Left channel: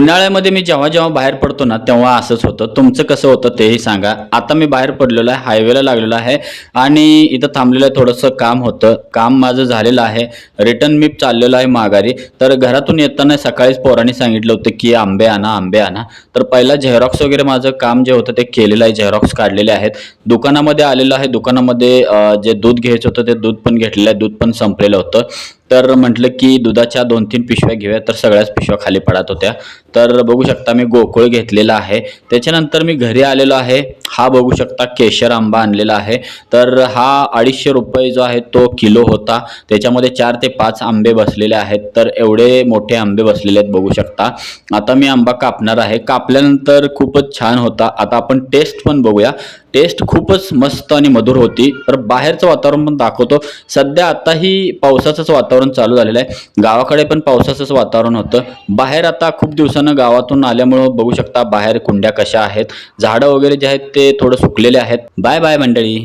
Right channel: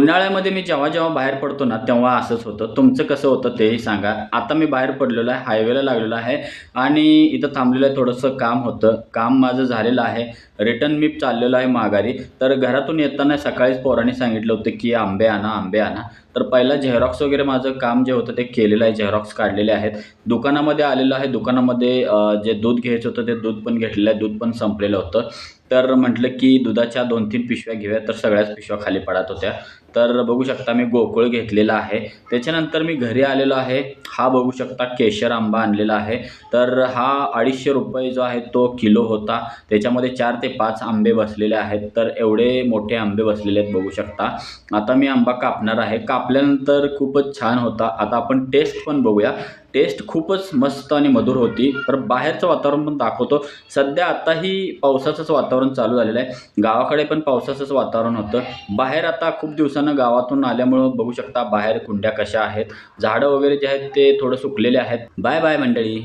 उन्हाळ्यामध्ये मी जेव्हा जेव्हा बाहेर पडतो ना तेव्हा असंच होतं. तुमचं कसं होतं तेही सांगा. आता मी बाहेर पडलेलो आहे, हायवेला लागलेलो आहे आणि इथं थांबलेलं आहे. थोडंसं काम होतं. काम माझं झालेलं आहे. रिटर्न मी चाललेलो आहे माघारी. तर घरातून येताना सकाळीच पोरांनी सांगितलं होतं की आंबे आणा, आंबे आणा. तर पहिला झेरॉक्स वगैरे माझं काम जे होतं ते केलेलं आहे. झेरॉक्स काढलेले आहेत. दुकानामध्ये आलेलो आहे. दुकानामध्ये जे दूध घ्यायचं होतं ते दूध पण घेतलेलं आहे. दूध पण संपलेलं होतं. तर म्हटलं की दुधाच्या 2-3 पिशव्या घेऊया, तर सगळ्याच पिशव्या खाली पडत होत्या. तर बघू शकता मी गोकुळ घेतलेला आहे. त्याच्यानंतर मी घरी आलेलो आहे. हा बघू शकता केशर आंबा आणलेला आहे. तर हा ₹250 जो आहे तो किलो होता. त्याच्यामध्ये 4 ते 5 आंबे बसलेले आहेत. तर एवढे मोठे आंबे बसलेले आहेत बघू शकता. आता मी आंबा कापणार आहे. कापल्यानंतर खूपच छान होता. आता आपण टेस्ट पण बघूया. टेस्ट खूपच मस्त आणि मधुर होती. तर बाहेरचं वातावरण पण दाखवतो. सध्या आताही पावसाचंच वातावरण चालू झालेलं आहे. गावाकडे पण पावसाचंच वातावरण होतं. बाहेर आता खूप दिवसानं गावातून आल्यामुळं बघू शकता बाहेर कुंड्या कशा आहेत. झाडं वगैरे जे आहेत ते थोडं सुकलेले आहेत. बाय बाय मंडळी.